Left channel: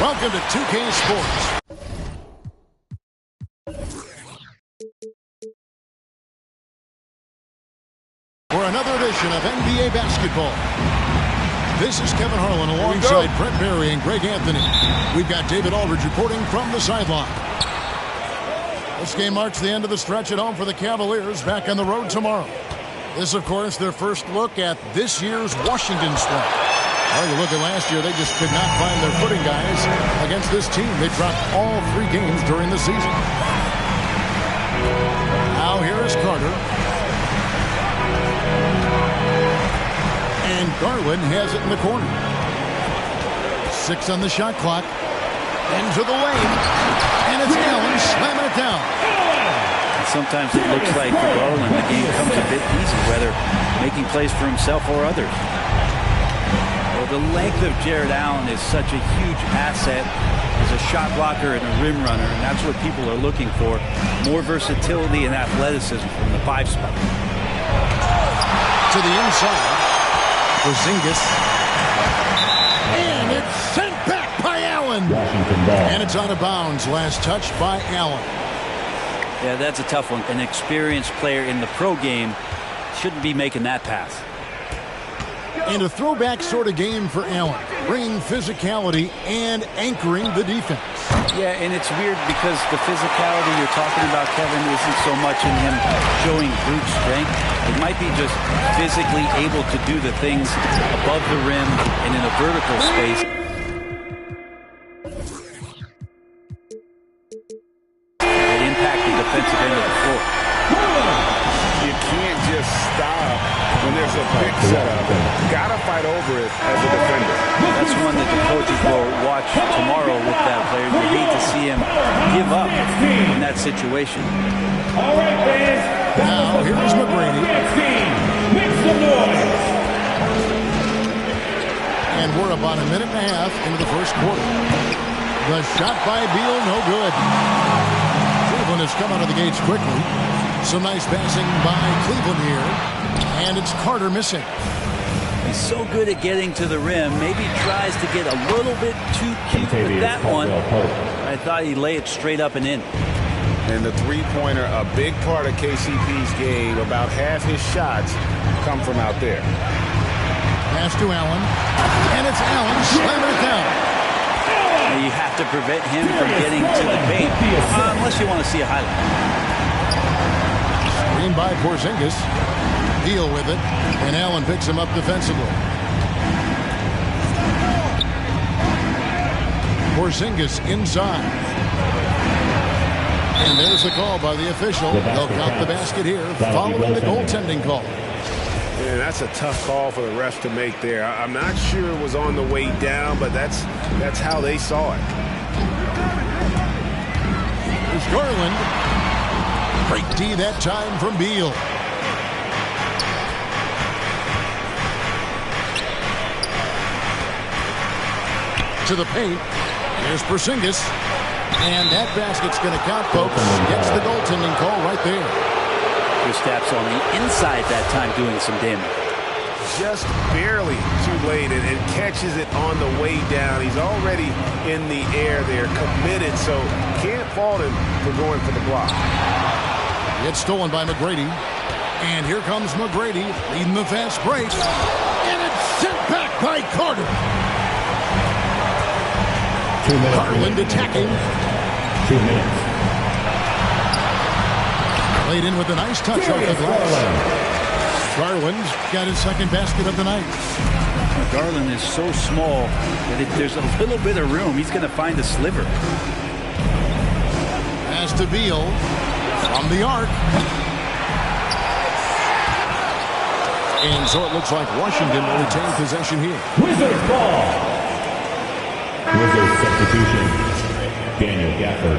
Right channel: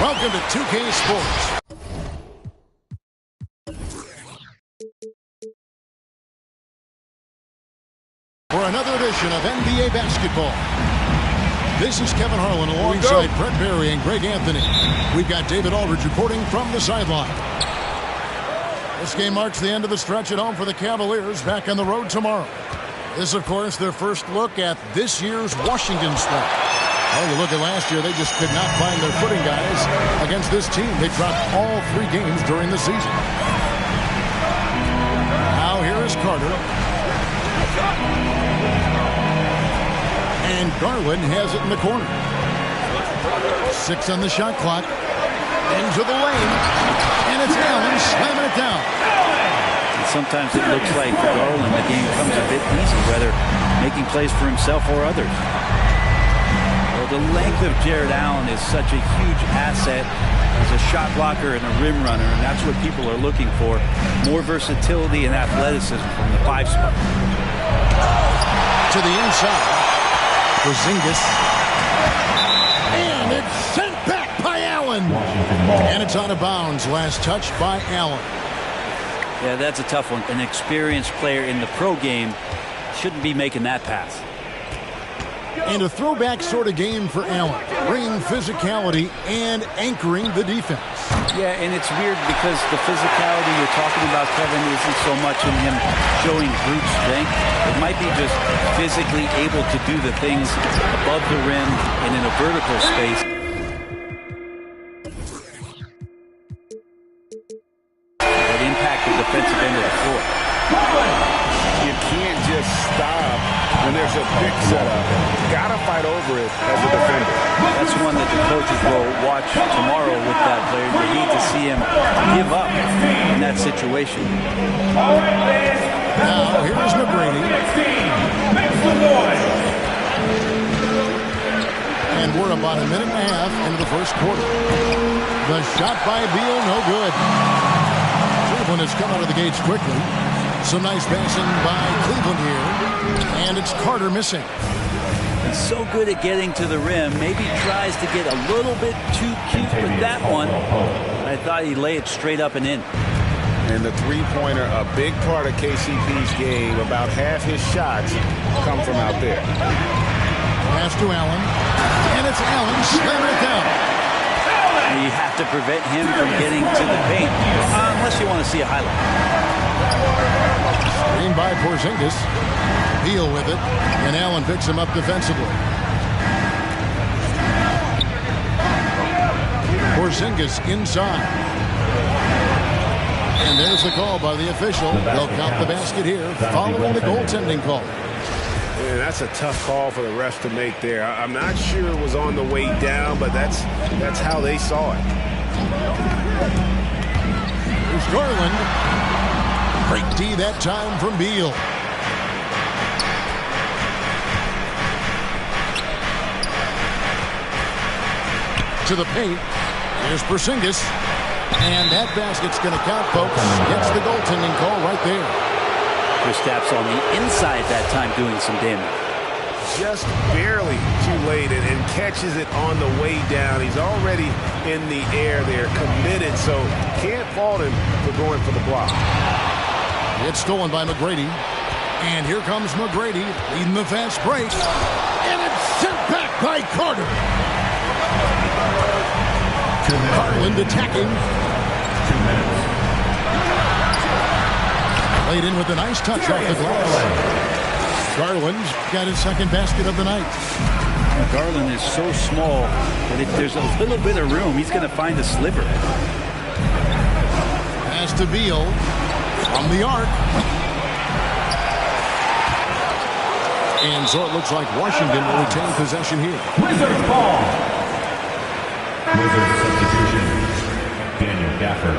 Welcome to 2K Sports. For another edition of NBA basketball. This is Kevin Harlan alongside Brett Barry and Greg Anthony. We've got David Aldridge reporting from the sideline. This game marks the end of the stretch at home for the Cavaliers, back on the road tomorrow. This, of course, their first look at this year's Washington squad. Well, you look at last year, they just could not find their footing, guys, against this team. They dropped all 3 games during the season. Now here is Carter. And Garland has it in the corner. 6 on the shot clock. Into the lane. And it's Allen slamming it down. And sometimes it looks like for Garland the game comes a bit easy, whether making plays for himself or others. Well, the length of Jared Allen is such a huge asset as a shot blocker and a rim runner, and that's what people are looking for. More versatility and athleticism from the 5 spot. To the inside. Porzingis. And it's sent back by Allen. Washington ball. And it's out of bounds. Last touch by Allen. Yeah, that's a tough one. An experienced player in the pro game shouldn't be making that pass. And a throwback sort of game for Allen, bringing physicality and anchoring the defense. Yeah, and it's weird because the physicality you're talking about, Kevin, isn't so much in him showing brute strength. It might be just physically able to do the things above the rim and in a vertical space that impact the defensive end of the floor. You can't just stop when there's a pick set up. Got to fight over it as a defender. That's one that the coaches will watch tomorrow with that player. You hate to see him give up in that situation. Now, here's McGrady. And we're about a minute and a half into the first quarter. The shot by Beal, no good. Cleveland has come out of the gates quickly. Some nice passing by Cleveland here. And it's Carter missing. He's so good at getting to the rim. Maybe tries to get a little bit too cute with that one. I thought he'd lay it straight up and in. And the three-pointer, a big part of KCP's game. About half his shots come from out there. Pass to Allen. And it's Allen slamming it down. You have to prevent him from getting to the paint, unless you want to see a highlight. Screen by Porzingis. Beal with it. And Allen picks him up defensively. Porzingis inside. And there's the call by the official. They'll count the basket here following the goaltending call. Yeah, that's a tough call for the refs to make there. I'm not sure it was on the way down, but that's how they saw it. Here's Garland. Great D that time from Beal. To the paint. Here's Porzingis. And that basket's going to count, folks. Gets the goaltending call right there. Kristaps on the inside that time doing some damage. Just barely too late and catches it on the way down. He's already in the air there, committed, so can't fault him for going for the block. It's stolen by McGrady. And here comes McGrady leading the fast break. And it's sent back by Carter. Garland attacking. 2 minutes. Played in with a nice touch off the glass. Garland got his second basket of the night. Garland is so small that if there's a little bit of room, he's going to find a sliver. Pass to Beal from the arc. And so it looks like Washington will retain possession here. Wizards ball. Wizards substitution. Daniel Gafford.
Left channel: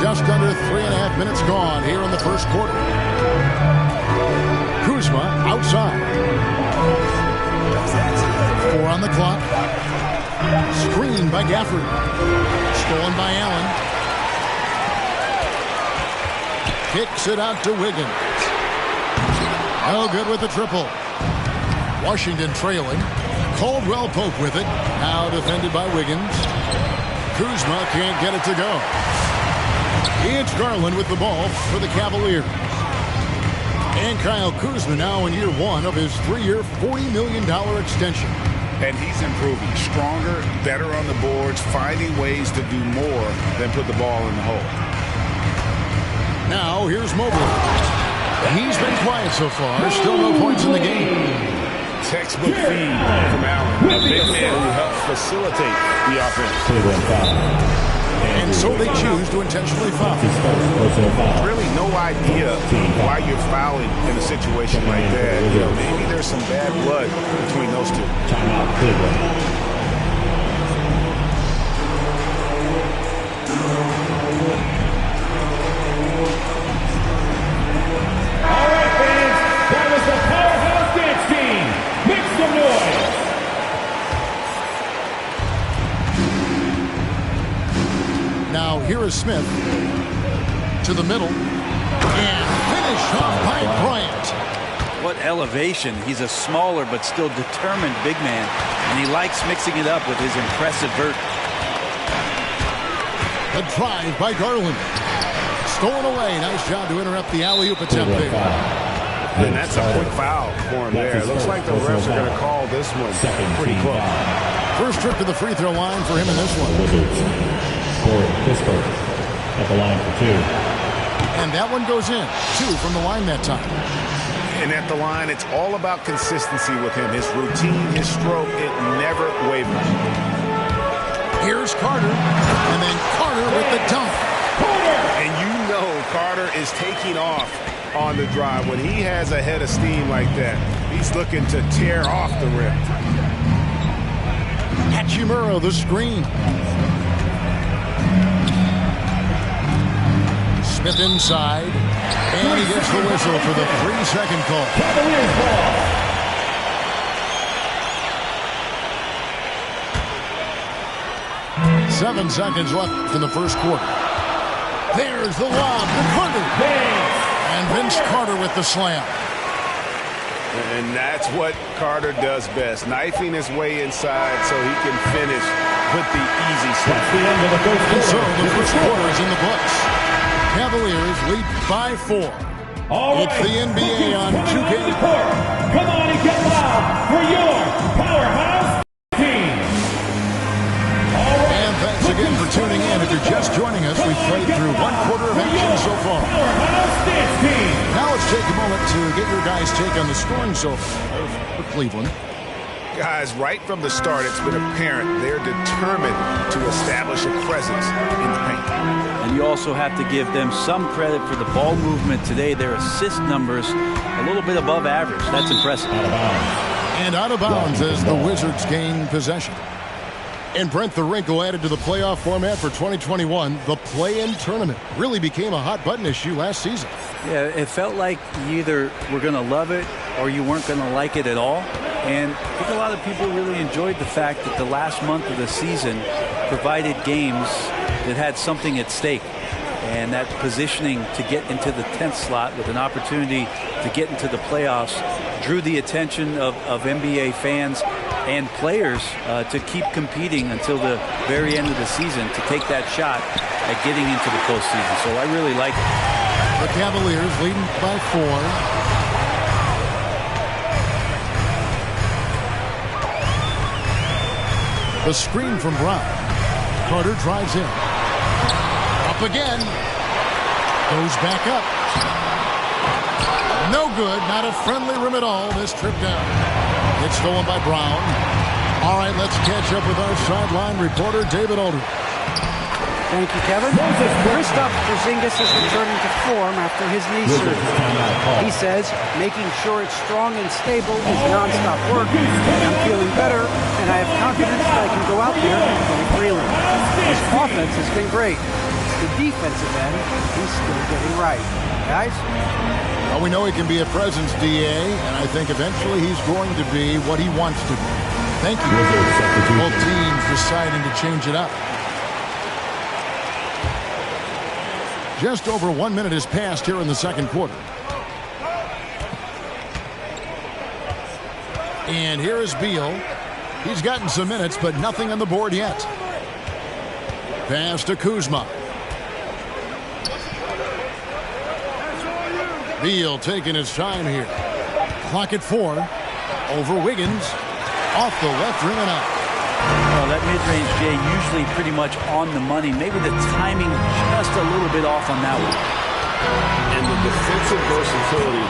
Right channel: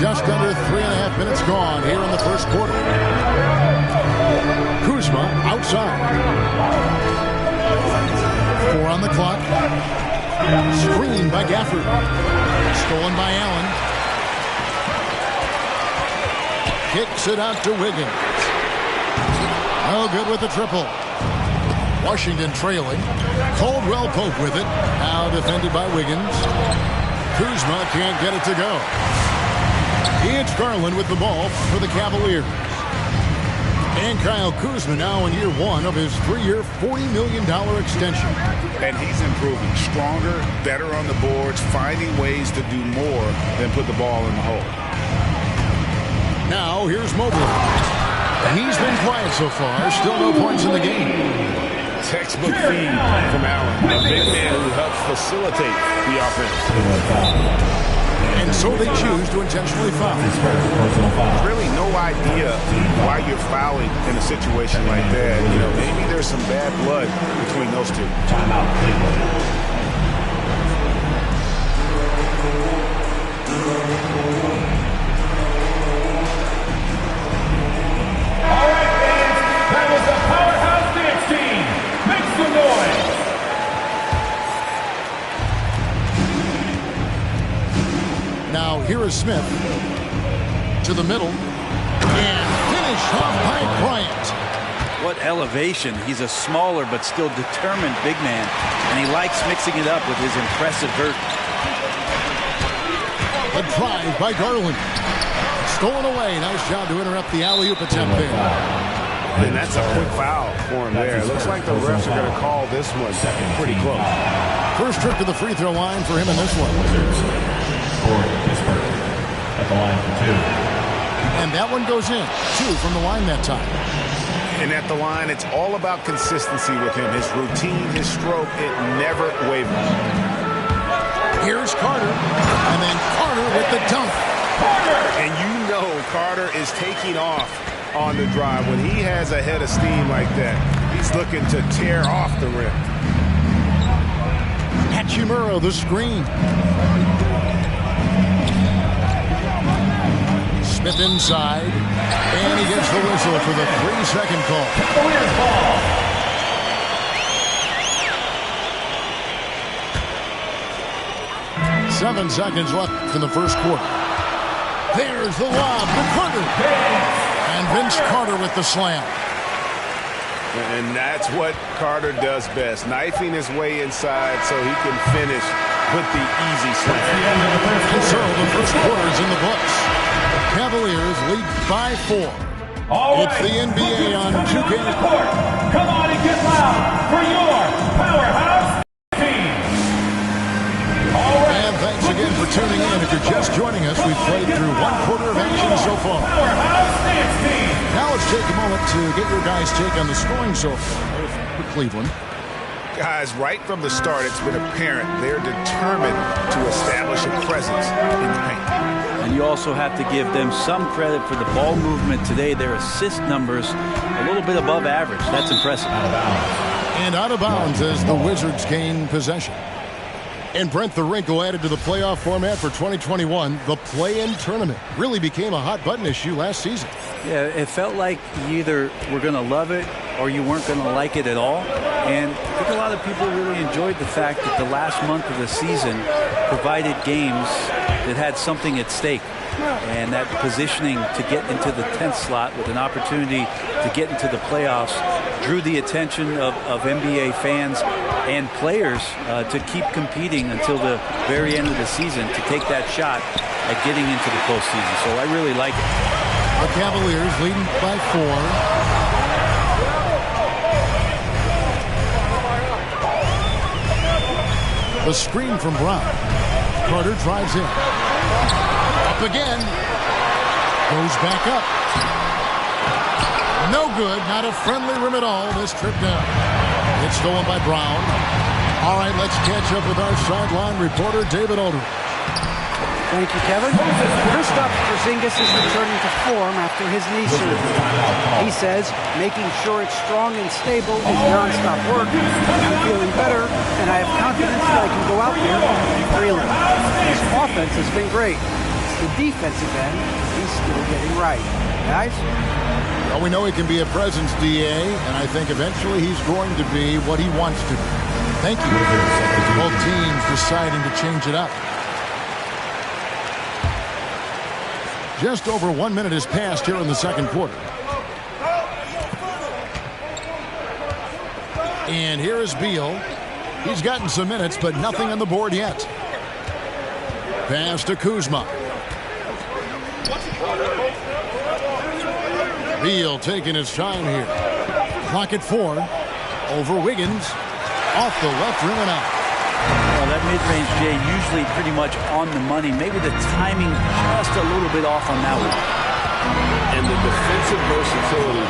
Just under 3.5 minutes gone here in the first quarter. Kuzma outside. 4 on the clock. Screen by Gafford. Stolen by Allen. Kicks it out to Wiggins. No good with the triple. Washington trailing. Caldwell Pope with it. Now defended by Wiggins. Kuzma can't get it to go. It's Garland with the ball for the Cavaliers. And Kyle Kuzma now in year one of his 3-year, $40 million extension. And he's improving. Stronger, better on the boards, finding ways to do more than put the ball in the hole. Now here's Mobley. He's been quiet so far. Still no points in the game. Textbook feed from Allen. A big man who helps facilitate the offense. And so they choose to intentionally foul. Really no idea why you're fouling in a situation like that. You know, maybe there's some bad blood between those two. Timeout, Cleveland. All right, fans, that was the Powerhouse Dance Team. Make some noise. Now here is Smith to the middle and finished off by Bryant. What elevation. He's a smaller but still determined big man, and he likes mixing it up with his impressive vert. The drive by Garland. Stolen away. Nice job to interrupt the alley-oop attempt there. And that's a quick foul for him there. It looks like the refs are going to call this one pretty close. First trip to the free throw line for him in this one. Wizards scored Pittsburgh at the line for 2. And that one goes in. 2 from the line that time. And at the line, it's all about consistency with him. His routine, his stroke, it never wavers. Here's Carter. And then Carter with the dunk. And you know Carter is taking off on the drive. When he has a head of steam like that, he's looking to tear off the rim. Hachimura, the screen. Smith inside. And he gets the whistle for the 3-second call. Cavaliers ball. Seven seconds left in the first quarter. There's the lob to Carter. And Vince Carter with the slam. And that's what Carter does best, knifing his way inside so he can finish with the easy slam. And so the first quarter is in the books. Cavaliers lead by 4. It's the NBA on 2K. Come on and get loud for your Powerhouse team. And thanks again for tuning in. If you're just joining us, we've played through 1 quarter of action so far. Powerhouse Dance Team. Now let's take a moment to get your guys' take on the scoring so far for Cleveland. Guys, right from the start, it's been apparent they're determined to establish a presence in the paint. And you also have to give them some credit for the ball movement today. Their assist numbers a little bit above average. That's impressive. And out of bounds as the Wizards gain possession. And Brent, the wrinkle added to the playoff format for 2021, the play-in tournament, really became a hot-button issue last season. Yeah, it felt like you either were going to love it or you weren't going to like it at all. And I think a lot of people really enjoyed the fact that the last month of the season provided games that had something at stake. And that positioning to get into the 10th slot with an opportunity to get into the playoffs drew the attention of NBA fans and players to keep competing until the very end of the season to take that shot at getting into the postseason. So I really like it. The Cavaliers leading by 4. The screen from Brown. Carter drives in. Up again. Goes back up. No good. Not a friendly rim at all. This trip down. It's stolen by Brown. All right, let's catch up with our sideline reporter, David Aldridge. Thank you, Kevin. Kristaps Porzingis is returning to form after his knee surgery. He says making sure it's strong and stable is nonstop work. I'm feeling better, and I have confidence that I can go out there and play freely. His offense has been great. It's the defensive end he's still getting right. Guys? Well, we know he can be a presence, DA, and I think eventually he's going to be what he wants to be. Thank you. Both teams deciding to change it up. Just over 1 minute has passed here in the second quarter. And here is Beal. He's gotten some minutes, but nothing on the board yet. Pass to Kuzma. Beal taking his time here. Clock at 4. Over Wiggins. Off the left rim and out. Well, that mid-range, Jay, usually pretty much on the money. Maybe the timing just a little bit off on that one. And the defensive versatility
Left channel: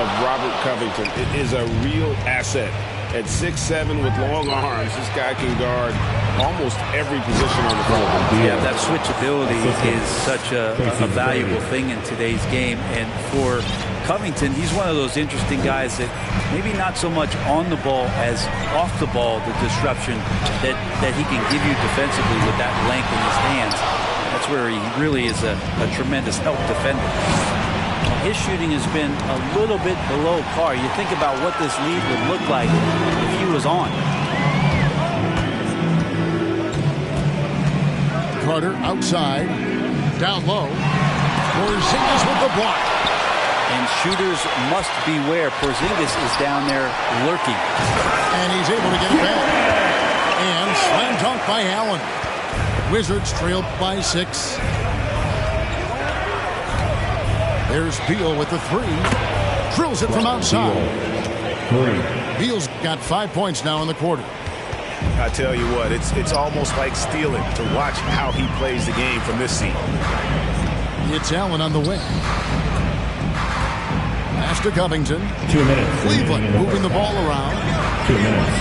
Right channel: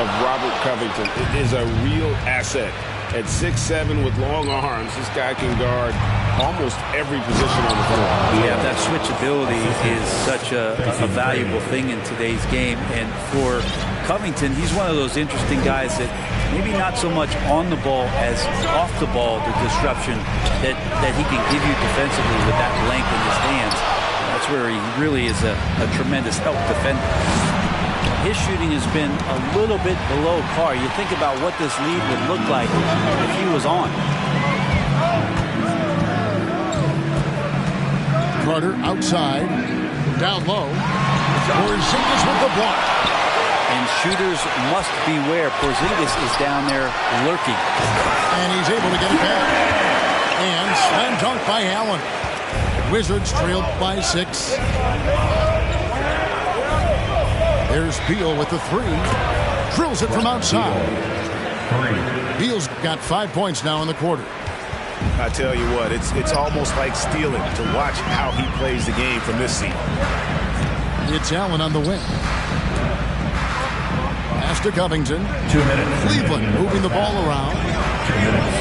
of Robert Covington is a real asset. At 6'7" with long arms, this guy can guard almost every position on the floor. Yeah, that switchability is such a valuable thing in today's game. And for Covington, he's one of those interesting guys that maybe not so much on the ball as off the ball, the disruption that he can give you defensively with that length in his hands. That's where he really is a tremendous help defender. His shooting has been a little bit below par. You think about what this lead would look like if he was on. Carter outside. Down low. Porzingis with the block. And shooters must beware. Porzingis is down there lurking. And he's able to get it back. And slam dunk by Allen. Wizards trailed by 6. There's Beal with the 3. Drills it from outside. Beal's got 5 points now in the quarter. I tell you what, it's almost like stealing to watch how he plays the game from this seat. It's Allen on the wing. Pass to Covington. 2 minutes. Cleveland moving the ball around. 2 minutes.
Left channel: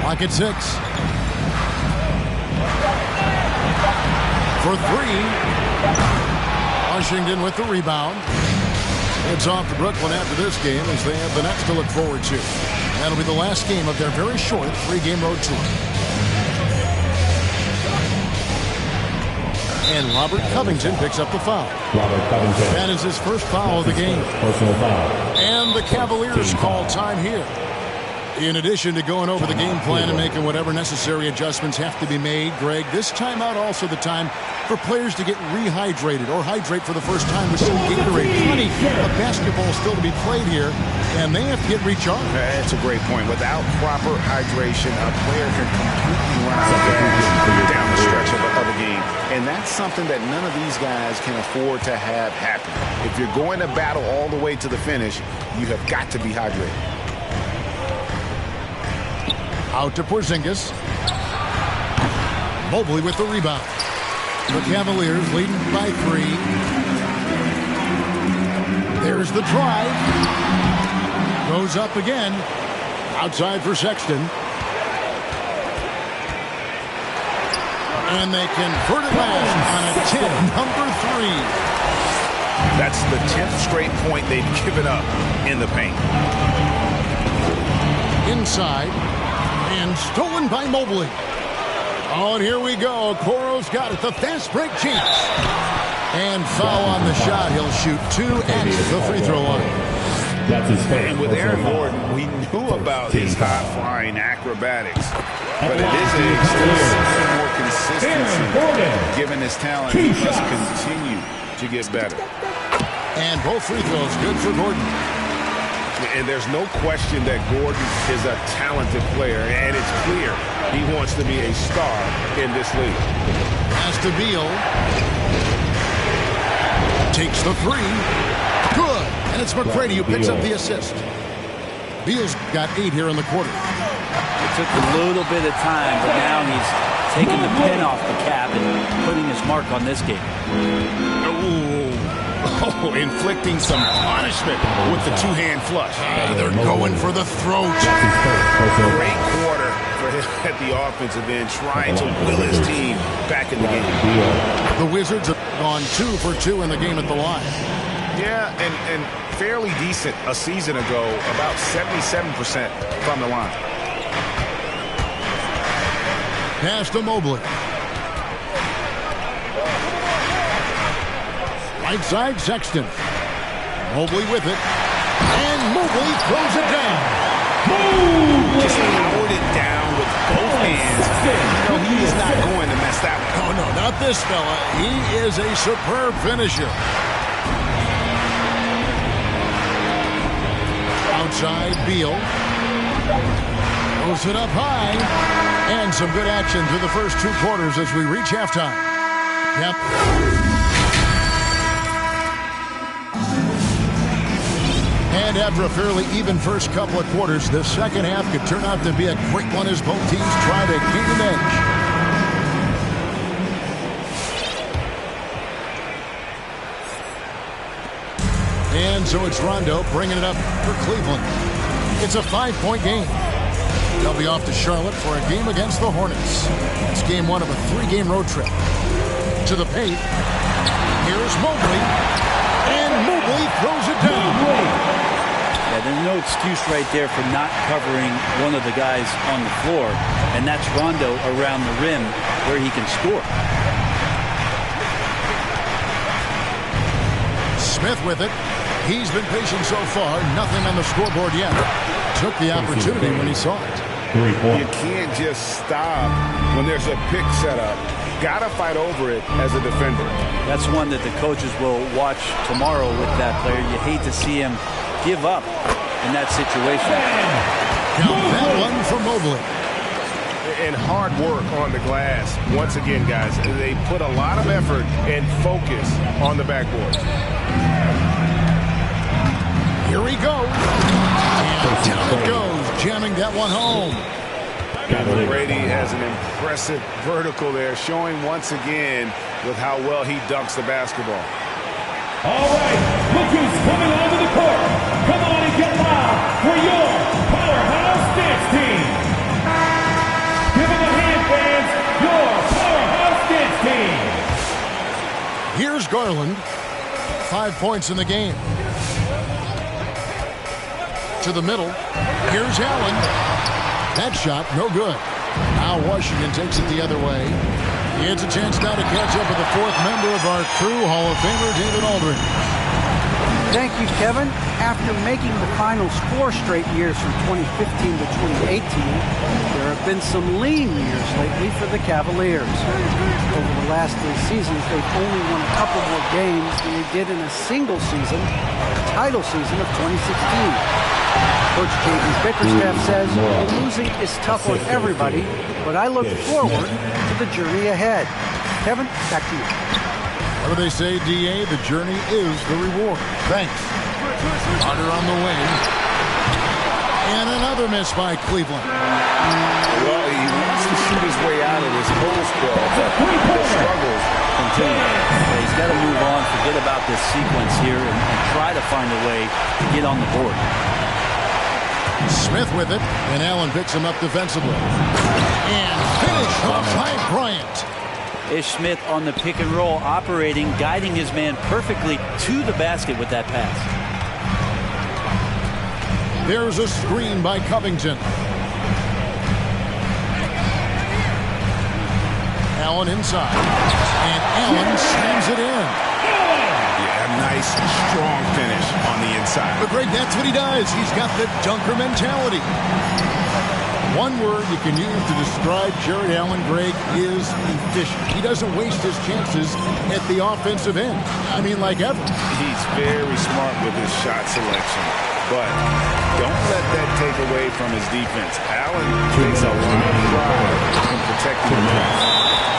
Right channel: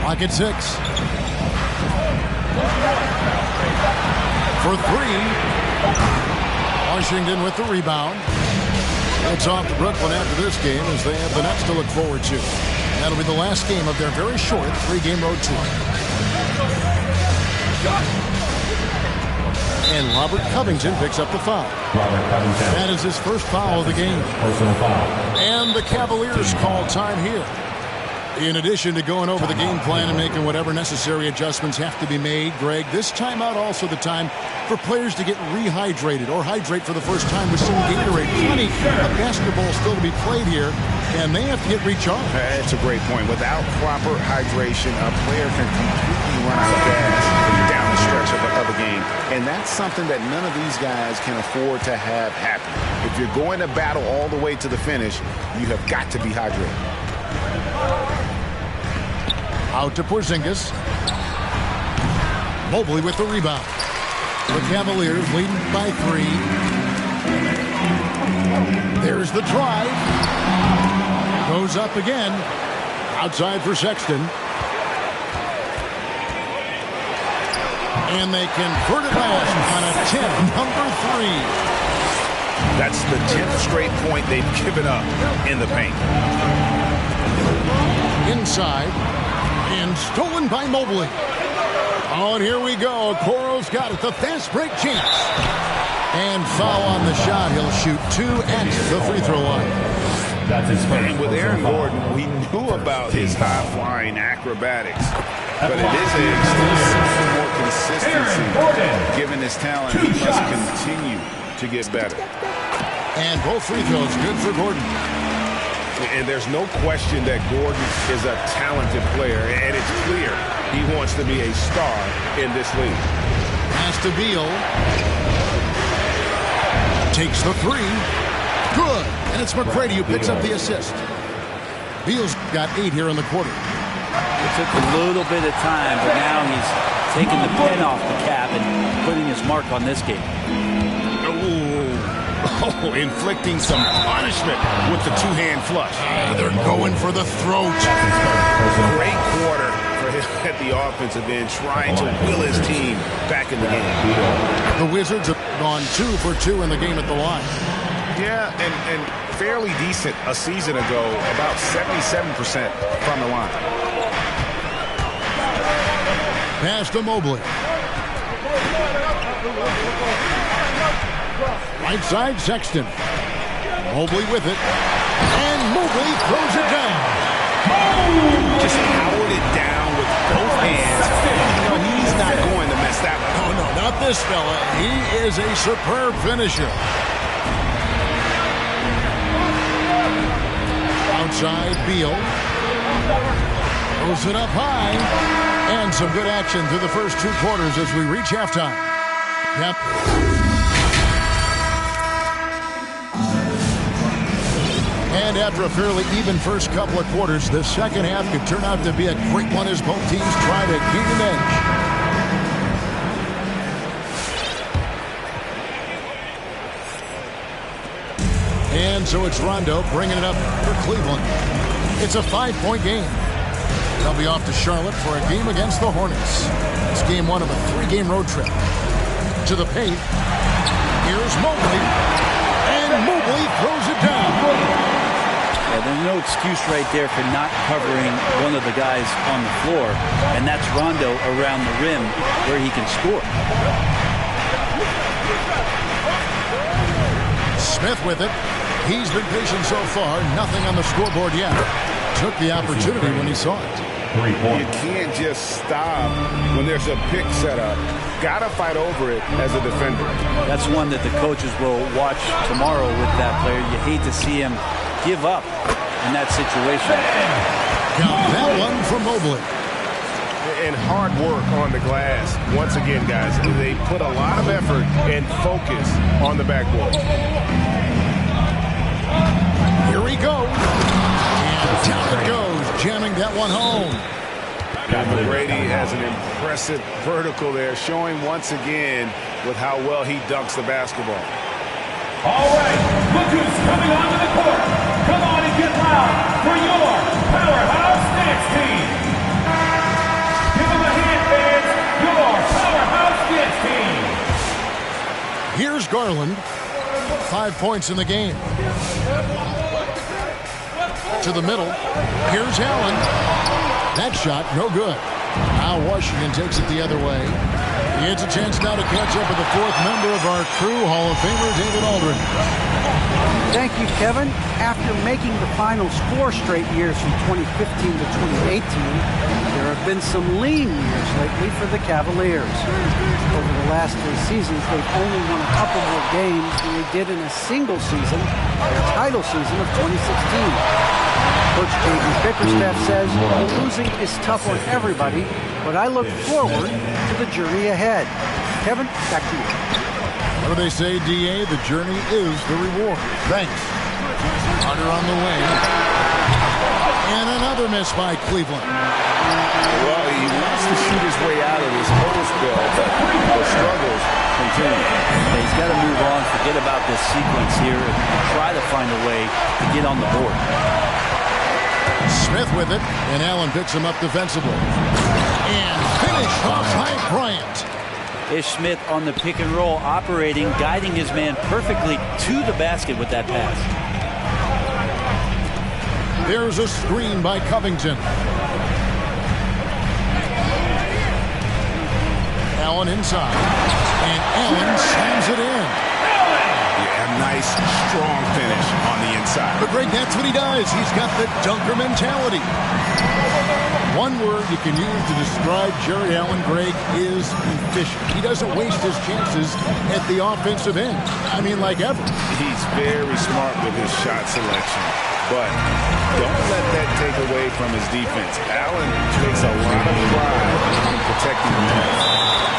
Clock at 6. For 3. Washington with the rebound. It's off to Brooklyn after this game as they have the Nets to look forward to. That'll be the last game of their very short 3-game road tour. And Robert Covington picks up the foul. Robert Covington. That is his first foul of the game. Personal foul. And the Cavaliers call time here. In addition to going over the game plan and making whatever necessary adjustments have to be made, Greg, this timeout also the time for players to get rehydrated or hydrate for the first time with some Gatorade. Plenty of basketball still to be played here, and they have to get recharged. That's a great point. Without proper hydration, a player can completely run out of gas down the stretch of a game. And that's something that none of these guys can afford to have happen. If you're going to battle all the way to the finish, you have got to be hydrated. Out to Porzingis. Mobley with the rebound. The Cavaliers leading by 3. There's the drive. Goes up again. Outside for Sexton. And they convert it last on a 10, number 3. That's the 10th straight point they've given up in the paint. Inside. And stolen by Mobley. Oh, and here we go. Okoro's got it. The fast break chance. And foul on the shot. He'll shoot 2 at the free throw line. That's his first. And with Aaron Gordon, we knew about his high-flying acrobatics. But it is still more consistency. Given his talent, he must continue to get better. And both free throws good for Gordon. And there's no question that Gordon is a talented player, and it's clear he wants to be a star in this league. Pass to Beal. Takes the 3. Good. And it's McCready who picks up the assist. Beal's got 8 here in the quarter. It took a little bit of time, but now he's taking the pen off the cap and putting his mark on this game. Oh, inflicting some punishment with the 2-hand flush. They're going for the throat. Great quarter for him at the offensive end, trying to will his team back in the game. The Wizards have gone 2 for 2 in the game at the line. Yeah, and fairly decent a season ago, about 77% from the line. Pass to Mobley. Right side, Sexton. Mobley with it. And Mobley throws it down. Just powered it down with both hands. No, he's not going to mess that one. Oh, no, not this fella. He is a superb finisher. Outside, Beal. Throws it up high. And some good action through the first 2 quarters as we reach halftime. Yep. And after a fairly even first couple of quarters, the second half could turn out to be a great one as both teams try to gain an edge. And so it's Rondo bringing it up for Cleveland. It's a 5-point game. They'll be off to Charlotte for a game against the Hornets. It's game 1 of a 3-game road trip. To the paint. Here's Mobley. And Mobley throws it down. Yeah, there's no excuse right there for not covering one of the guys on the floor. And that's Rondo around the rim where he can score. Smith with it. He's been patient so far. Nothing on the scoreboard yet. Took the opportunity when he saw it. You can't just stop when there's a pick set up. Got to fight over it as a defender. That's one that the coaches will watch tomorrow with that player. You hate to see him give up in that situation. Count that one for Mobley. And hard work on the glass. Once again, guys, they put a lot of effort and focus on the backboard. Here he goes. And down it goes, jamming that one home. McGrady has an impressive vertical there, showing once again with how well he dunks the basketball. All right, look who's coming onto the court. Come on and get loud for your powerhouse dance team. Give them a hand, fans. Your powerhouse dance team. Here's Garland. 5 points in the game. To the middle. Here's Allen. That shot, no good. Now Washington takes it the other way. He has a chance now to catch up with the 4th member of our crew, Hall of Famer David Aldridge. Thank you, Kevin. After making the finals 4 straight years from 2015 to 2018, there have been some lean years lately for the Cavaliers. Over the last 3 seasons, they've only won a couple more games than they did in a single season, their title season of 2016. Coach J.B. Bickerstaff says losing is tough on everybody, but I look forward to the journey ahead. Kevin, back to you. What do they say, D.A.? The journey is the reward. Thanks. Carter on the wing. And another miss by Cleveland. Well, he wants to shoot his way out of this whole spell, but the struggles continue. Yeah, he's got to move on, forget about this sequence here, and try to find a way to get on the board. Smith with it, and Allen picks him up defensively. And finish off by Bryant. Ish Smith on the pick and roll, operating, guiding his man perfectly to the basket with that pass. There's a screen by Covington. Allen inside, and Allen slams it in. Yeah, nice, strong finish on the inside. But Greg, that's what he does. He's got the dunker mentality. One word you can use to describe Jared Allen, Greg, is efficient. He doesn't waste his chances at the offensive end. I mean, like ever. He's very smart with his shot selection, but don't let that take away from his defense. Allen takes a lot of pride in protecting the net.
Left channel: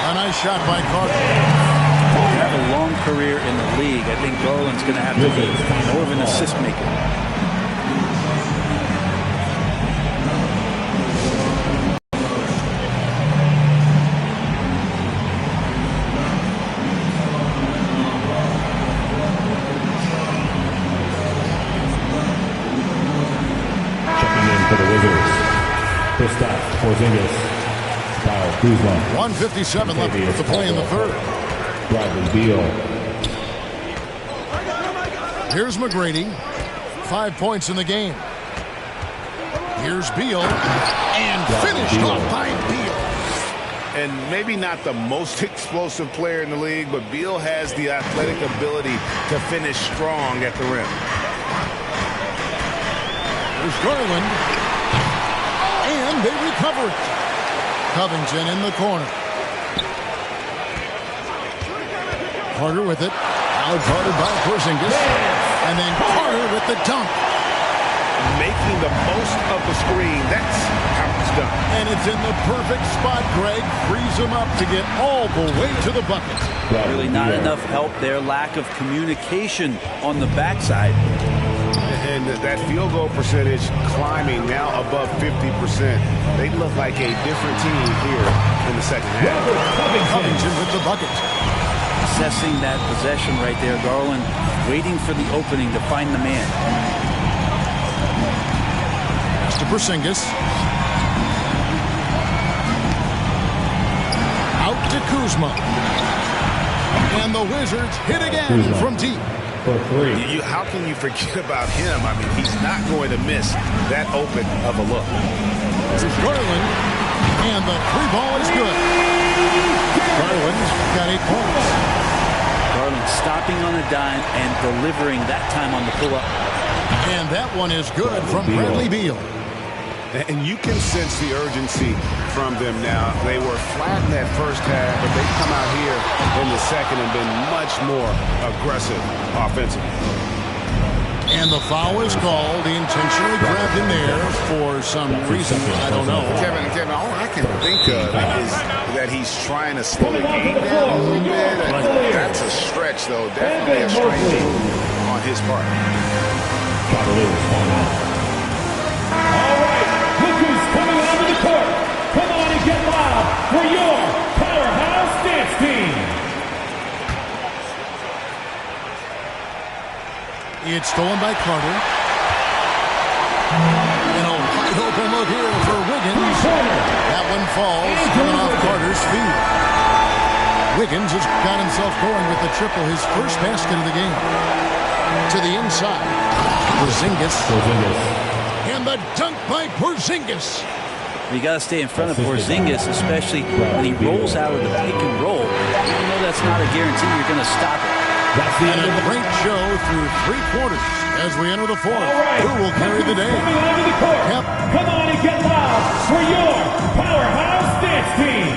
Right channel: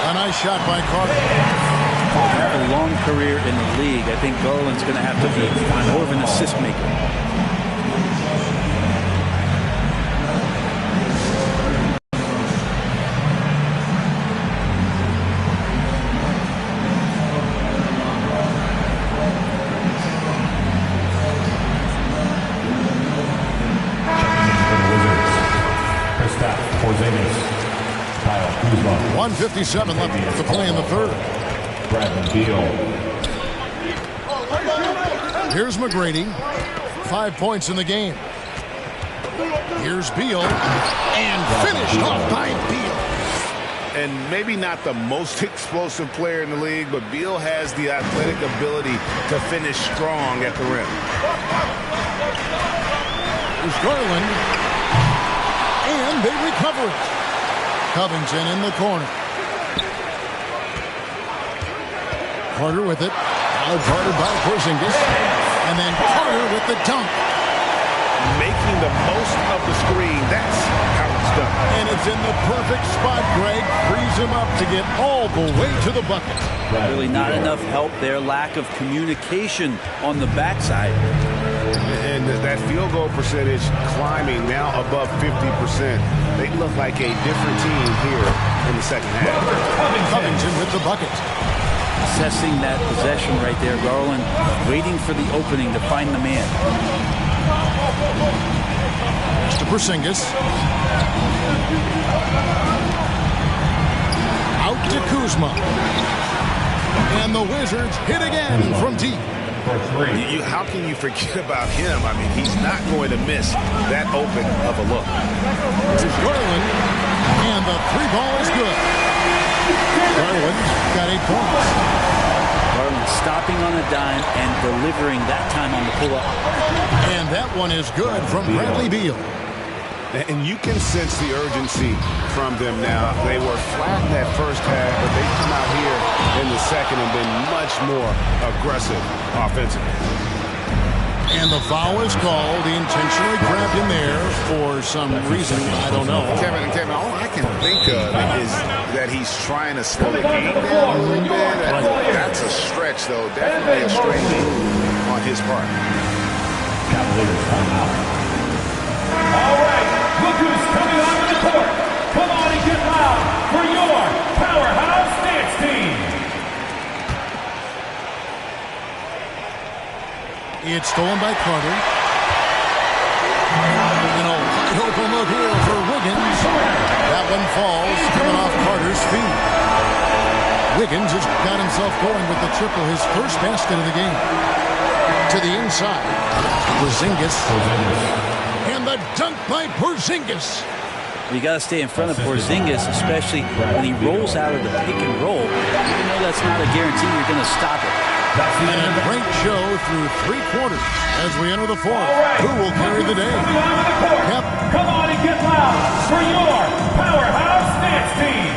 A nice shot by Carter. To have a long career in the league, I think Garland's going to have to be more of an assist maker. Checking in for the Wizards, Kristaps Porzingis, Kyle Kuzma. 1:57 left to play in the third. Bradley Beal. Here's McGrady. 5 points in the game. Here's Beal. And finished off by Beal. And maybe not the most explosive player in the league, but Beal has the athletic ability to finish strong at the rim. Here's Garland. And they recover it. Covington in the corner. Carter with it. Now guarded by Porzingis. And then Carter with the dunk. making the most of the screen. That's how it's done. And it's in the perfect spot, Greg. Frees him up to get all the way to the bucket. Really not enough help there. Lack of communication on the backside. And that field goal percentage climbing now above 50%. They look like a different team here in the second half. Covington with the bucket. Assessing that possession right there. Garland waiting for the opening to find the man. Pass to Porzingis. Out to Kuzma. And the Wizards hit again from deep. How can you forget about him? I mean, he's not going to miss that open of a look. Here's Garland, and the three ball is good. Garland's got 8 points. Garland stopping on a dime and delivering that time on the pull-up. And that one is good from Bradley Beal. And you can sense the urgency from them now. They were flat in that first half, but they've come out here in the second and been much more aggressive offensively. And the foul is called. He intentionally grabbed him there for some reason. I don't know. Kevin, all I can think of is that he's trying to slow the game down a little bit. That's a stretch, though. Definitely a strange move on his part. Cavaliers timeout. All right, look who's coming onto the court. Come on and get loud for your powerhouse dance team. It's stolen by Carter. And a wide open look here for Wiggins. That one falls, coming off Carter's feet. Wiggins has got himself going with the triple, his first basket of the game. To the inside. Porzingis. And the dunk by Porzingis. You got to stay in front of Porzingis, especially when he rolls out of the pick and roll. Even though that's not a guarantee, you're going to stop it. And a great show through 3 quarters as we enter the fourth. Right. Who will carry the day? Coming onto the court. Yep. Come on and get loud for your powerhouse dance team.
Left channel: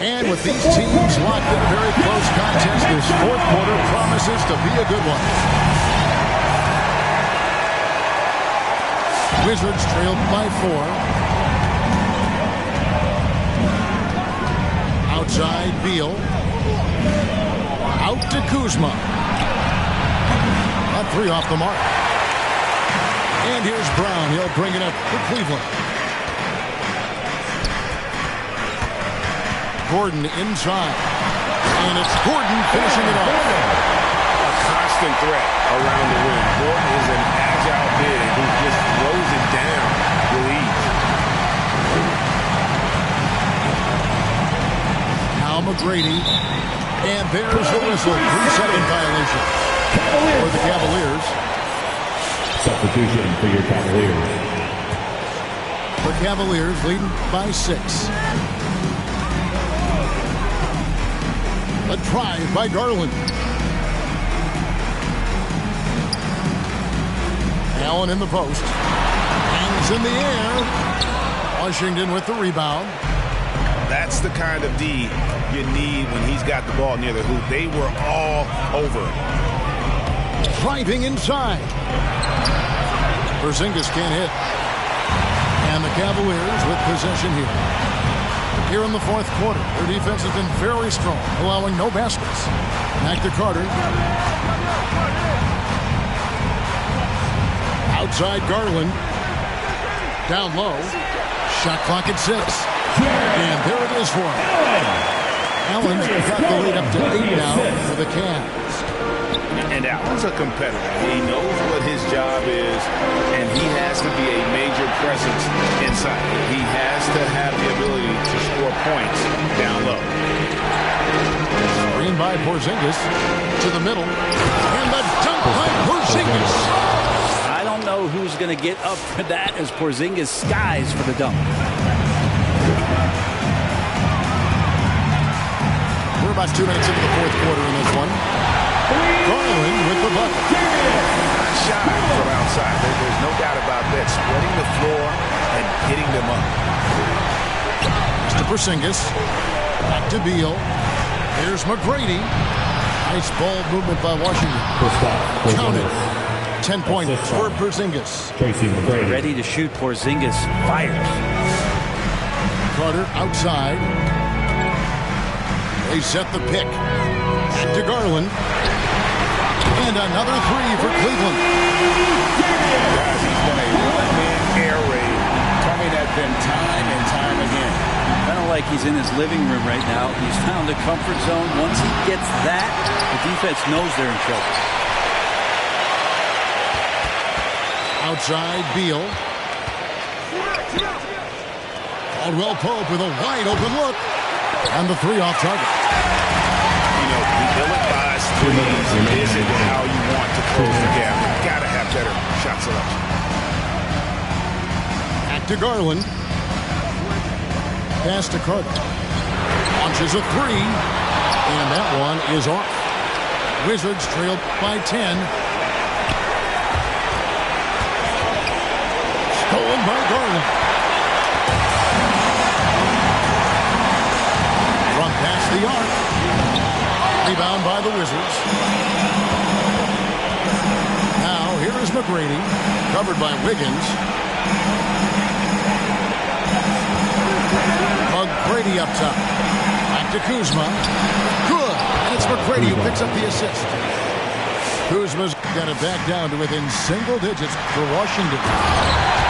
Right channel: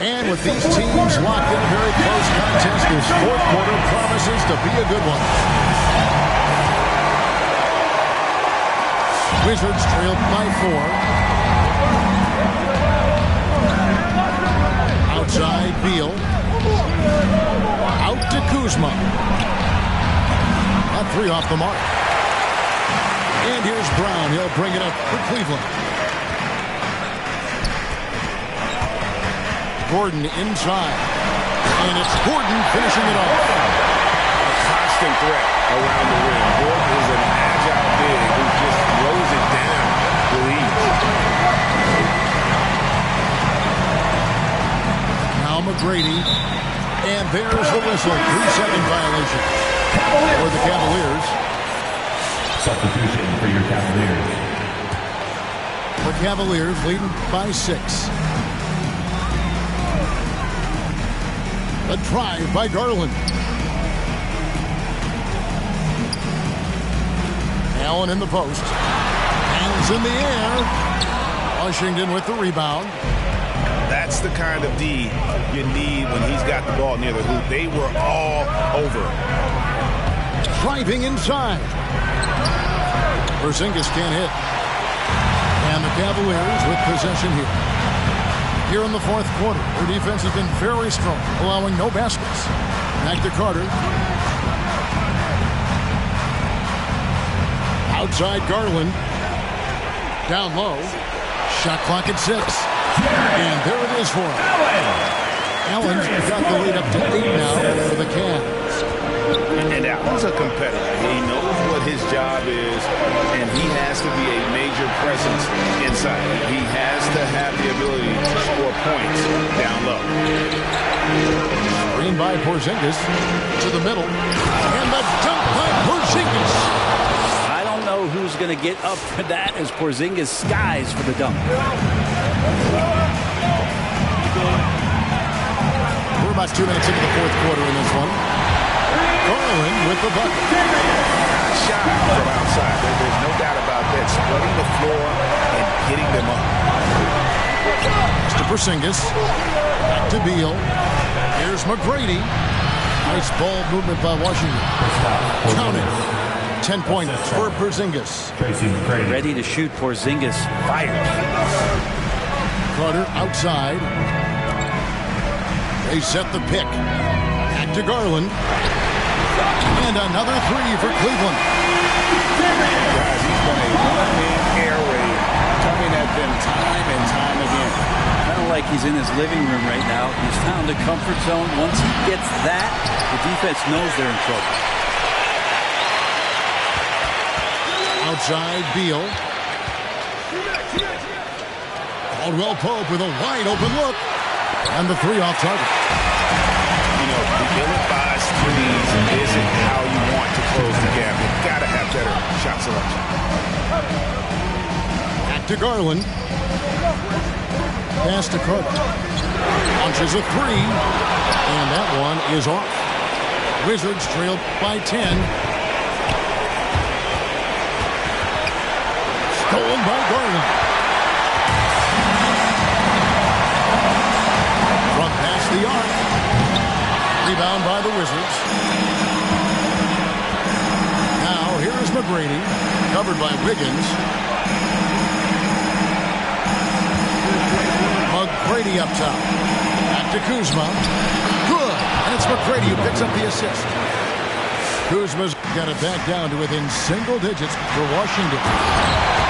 And with these teams locked in a very close contest, this fourth quarter promises to be a good one. Wizards trailed by 4. Outside, Beal. Out to Kuzma. That 3 off the mark. And here's Brown. He'll bring it up for Cleveland. Gordon inside. And it's Gordon finishing it off. A constant threat around the rim. Gordon is an agile big who just throws it down with ease. Now McGrady. And there's the whistle. 3-second violation for the Cavaliers. Substitution for your Cavaliers. The Cavaliers leading by 6. A drive by Garland. Allen in the post. Hangs in the air. Washington with the rebound. That's the kind of D you need when he's got the ball near the hoop. They were all over. Driving inside. Porzingis can't hit. And the Cavaliers with possession here. Here in the fourth quarter, their defense has been very strong, allowing no baskets. Back to Carter. Outside Garland. Down low. Shot clock at 6. And there it is for him. Allen's got the lead up to 8 now for the Cavs. And Allen's a competitor. He knows what his job is, and he has to be a major presence inside. He has to have the ability to score points down low. Screen by Porzingis to the middle. And the dunk by Porzingis. I don't know who's going to get up for that as Porzingis skies for the dunk. We're about 2 minutes into the fourth quarter in this one. Garland with the bucket. Not shy from outside. There's no doubt about that. Spreading the floor and hitting them up. Pass to Porzingis. Back to Beal. Here's McGrady. Nice ball movement by Washington. Count it. 10 points for Porzingis. Tracy McGrady. Ready to shoot. Porzingis fires. Carter outside. They set the pick. Back to Garland. And another three for Cleveland. Guys, he's been a one-man air raid coming at them time and time again. Kind of like he's in his living room right now. He's found a comfort zone. Once he gets that, the defense knows they're in trouble. Outside, Beal. Caldwell Pope with a wide open look. And the three off target. You know, the ill-advised threes isn't how you want to close the gap. You've got to have better shot selection. Back to Garland. Pass to Carter. Launches a three. And that one is off. Wizards trail by 10. Stolen by Garland. From past the arc. Rebound by the Wizards. Now here is McGrady. Covered by Wiggins. McGrady up top. Back to Kuzma. Good. And it's McGrady who picks up the assist. Kuzma's got it back down to within single digits for Washington.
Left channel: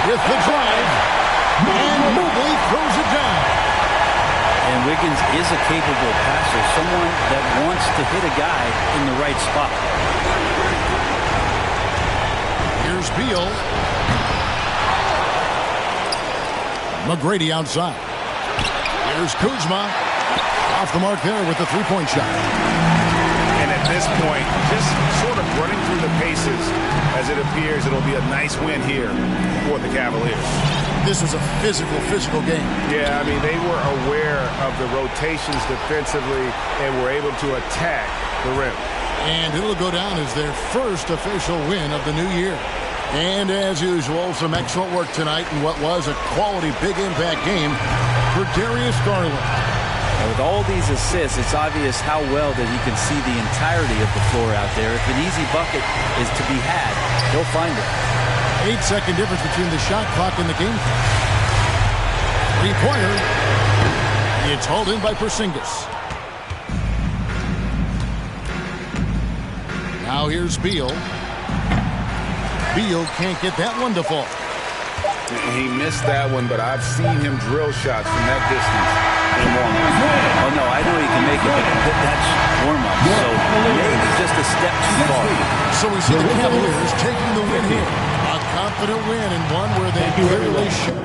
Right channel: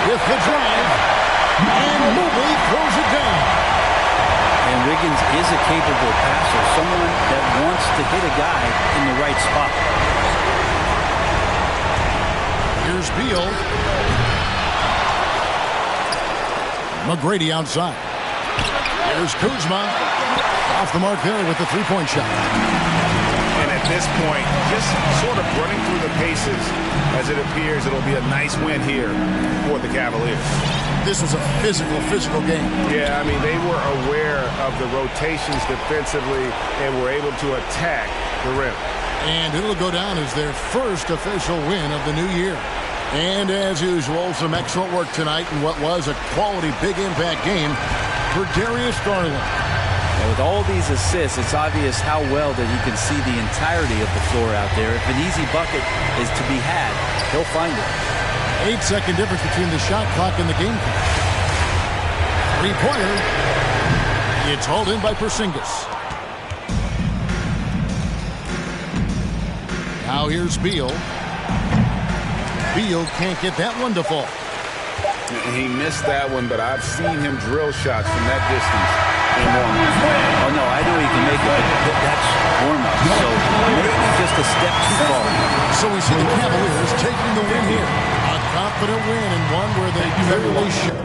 With the drive. And Mobley throws it down. And Wiggins is a capable passer, someone that wants to hit a guy in the right spot. Here's Beal. McGrady outside. Here's Kuzma. Off the mark there with the three-point shot. And at this point, just sort of running through the paces as it appears it'll be a nice win here for the Cavaliers. This was a physical game. Yeah, I mean, they were aware of the rotations defensively and were able to attack the rim. And it'll go down as their first official win of the new year. And as usual, some excellent work tonight in what was a quality big impact game for Darius Garland. And with all these assists, it's obvious how well that he can see the entirety of the floor out there. If an easy bucket is to be had, he'll find it. 8-second difference between the shot clock and the game clock. Three-pointer. It's hauled in by Porzingis. Now here's Beal. Beal can't get that one to fall. He missed that one, but I've seen him drill shots from that distance in warm-up. Oh, no, I know he can make it, but that's warm-up. So maybe just a step too far. So we see the Cavaliers taking the win here. A confident win and one where they clearly should.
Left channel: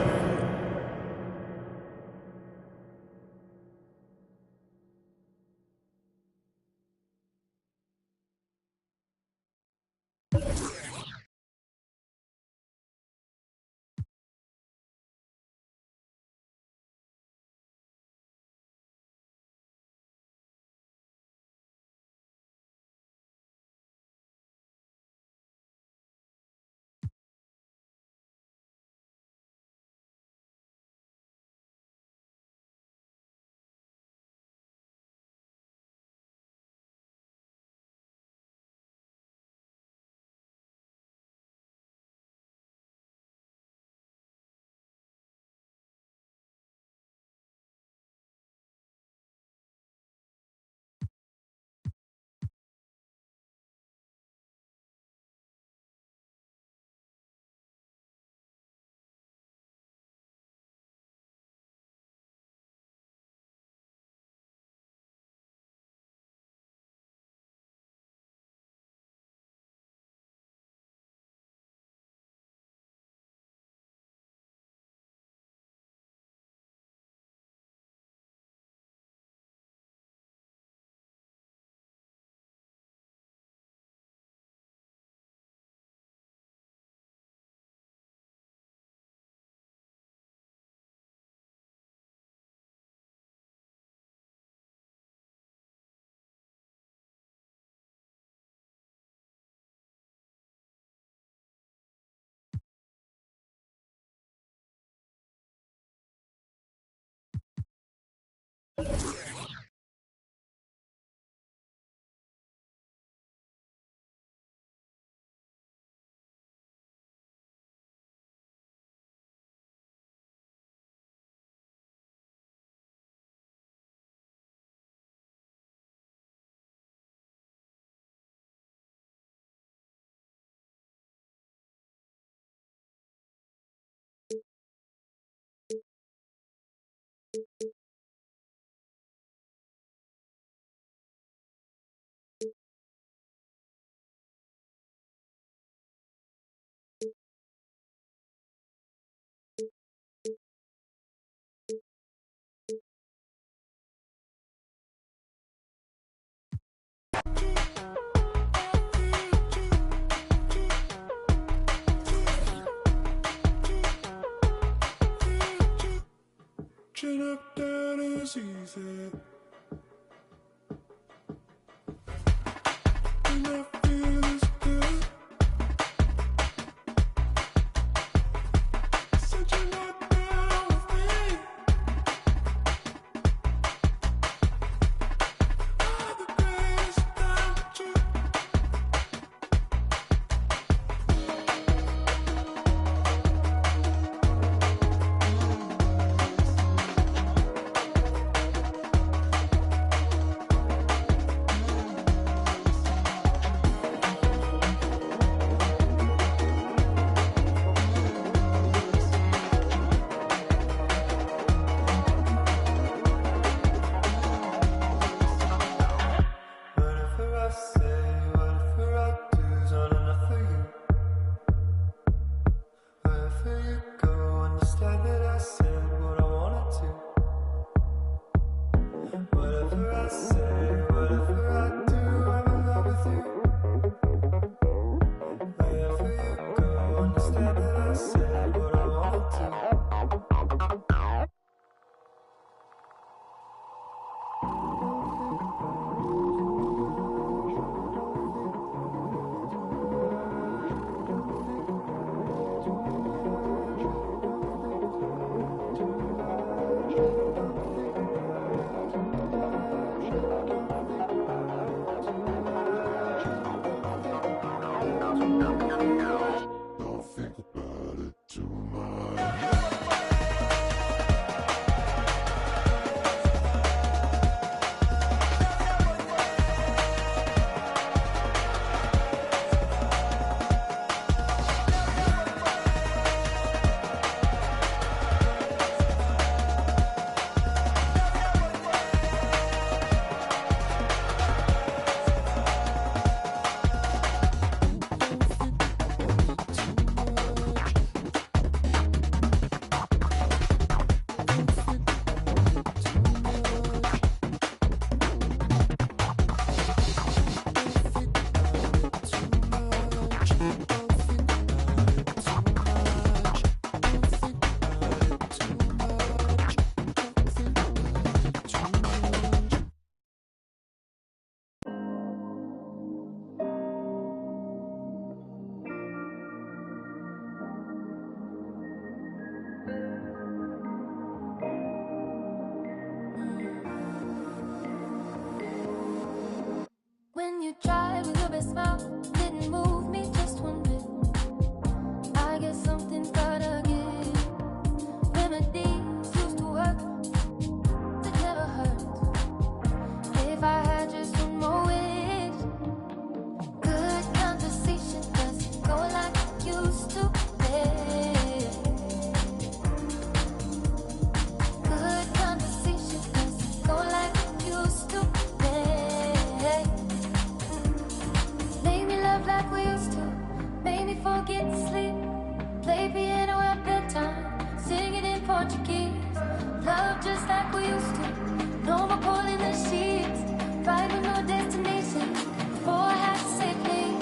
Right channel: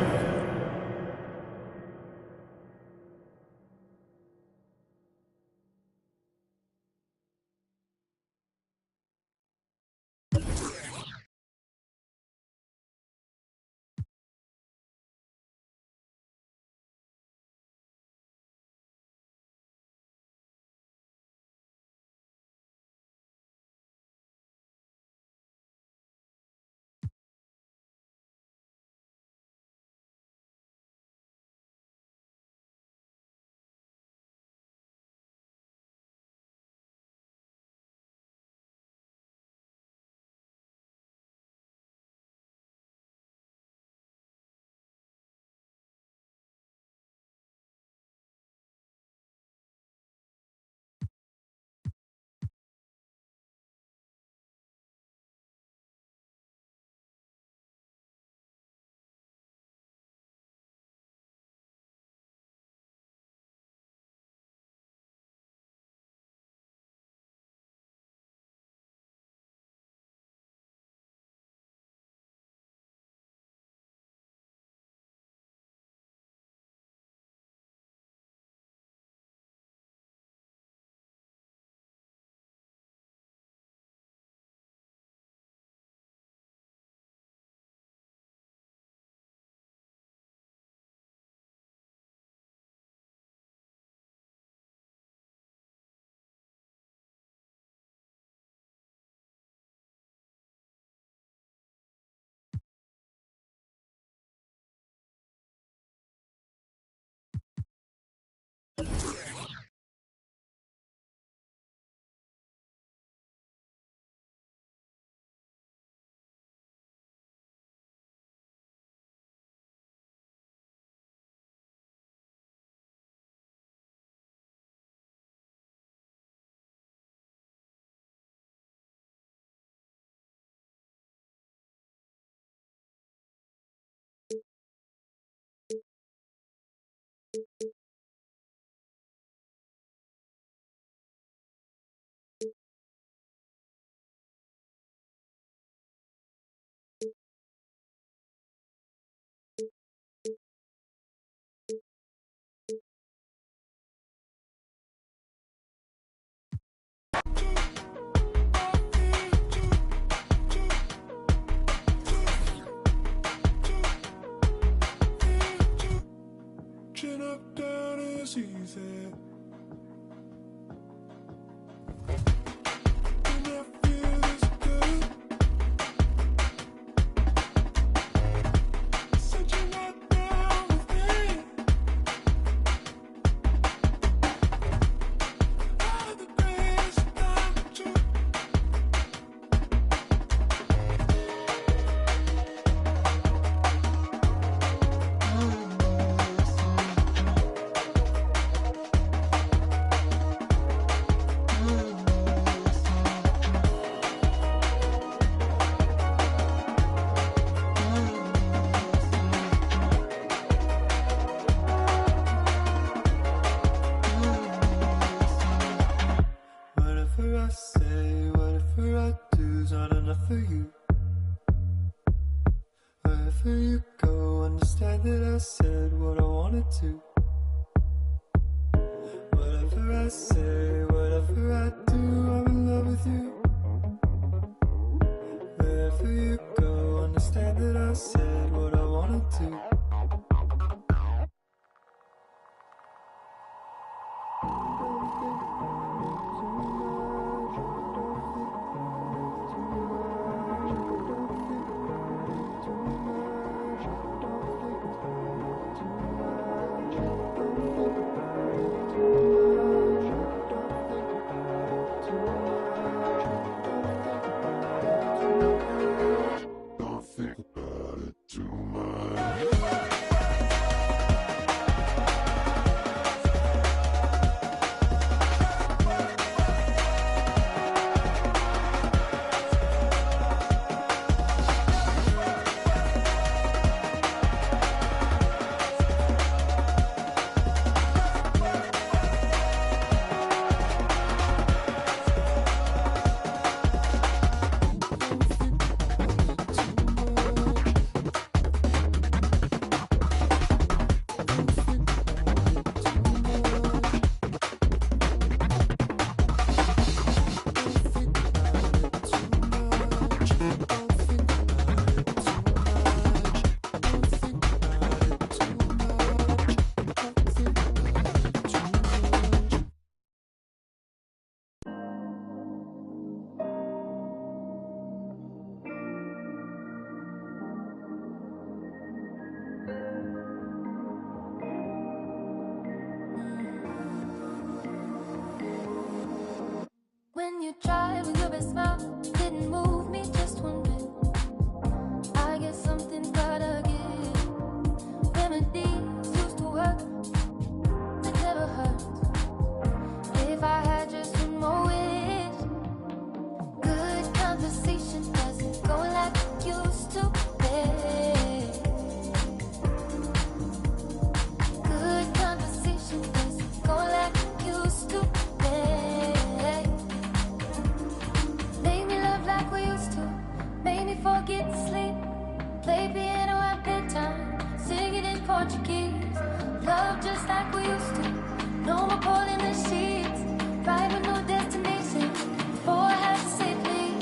up, down is easy. And I feel this good. Said you're not down with me. All the greatest time to whatever I say, whatever I do is not enough for you. Wherever you go, understand that I said what I wanted to. Whatever I say, whatever I do, I'm in love with you. Wherever you go, understand that I said what I wanted to. Don't think about it too much. When you tried with your best smile, didn't move me just one bit. I guess something's gotta give. Remedies used to work, it never hurts. If I had just one more wish, good conversation doesn't go like it used to be. Good conversation doesn't go like it used to be. Make me love like we used to. Make me forget to sleep. Play piano at bedtime. Sing it in Portuguese. Love just like we used to. No more pulling the sheets. Ride with no destination. Before I had to say please.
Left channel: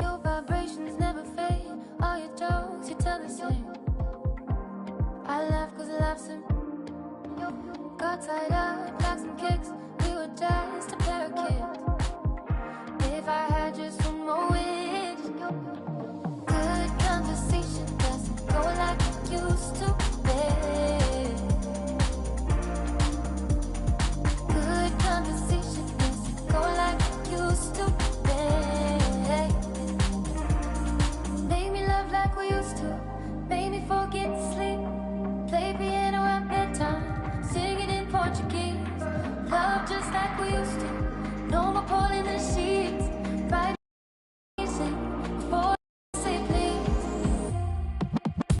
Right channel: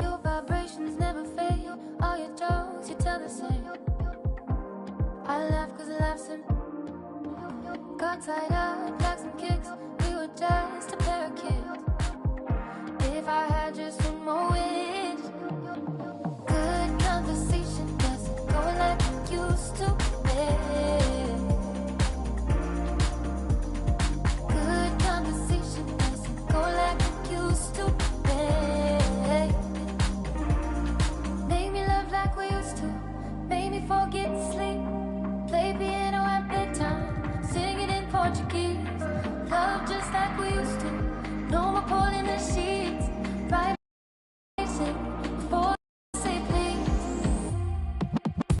Your vibrations never fade. All your jokes, you tell the same. I laugh cause laughs and got tied up like some kicks. We were just a pair of kids. If I had just one more wish, good conversation doesn't go like it used to be. Good conversation doesn't go like it used to be. Make me love like we used to. Make me forget to sleep. Play piano at bedtime. Sing it in Portuguese. Love just like we used to. No more pulling the sheets. Right.